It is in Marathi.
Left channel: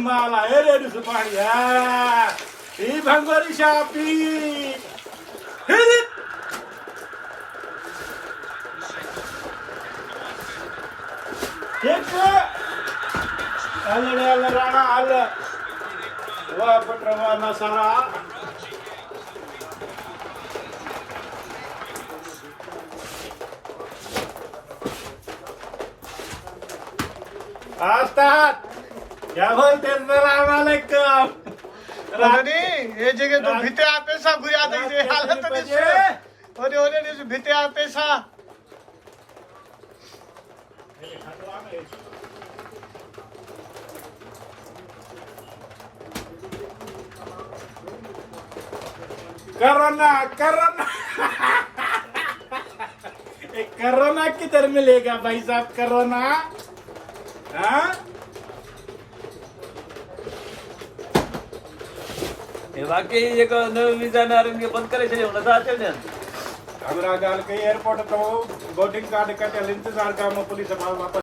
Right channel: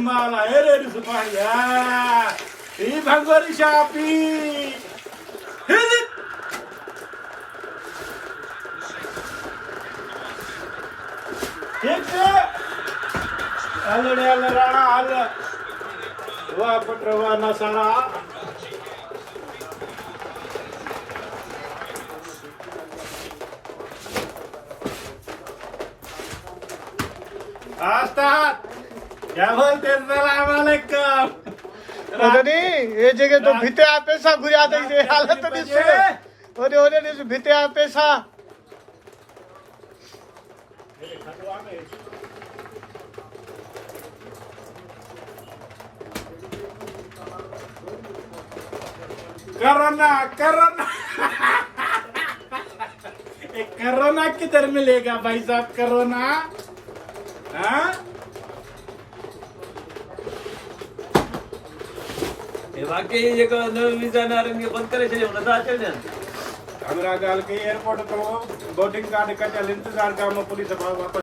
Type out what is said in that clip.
माल आहे रे सुपारी ही भंगोरी शापी अलड्याला राणा आलं वा पटरवा मसाला असतात क्या बोलते आम्हाला काम रानी ये जगह तो भिते आ पैसा गुया दे दे हालत दिसे ओने ओने ने भिते आ पैसा कोरोना कोरोना कोरोना किधर मिलेगा भाई साहब कोरोना हाँ बाकी जेको नवीन वीजा में आरंगे बंद करे छे नथा अचे ने हमरा गाल के एयरपोर्ट तो बोर्डिंग कार्ड का इंतजार का पुलिस वापस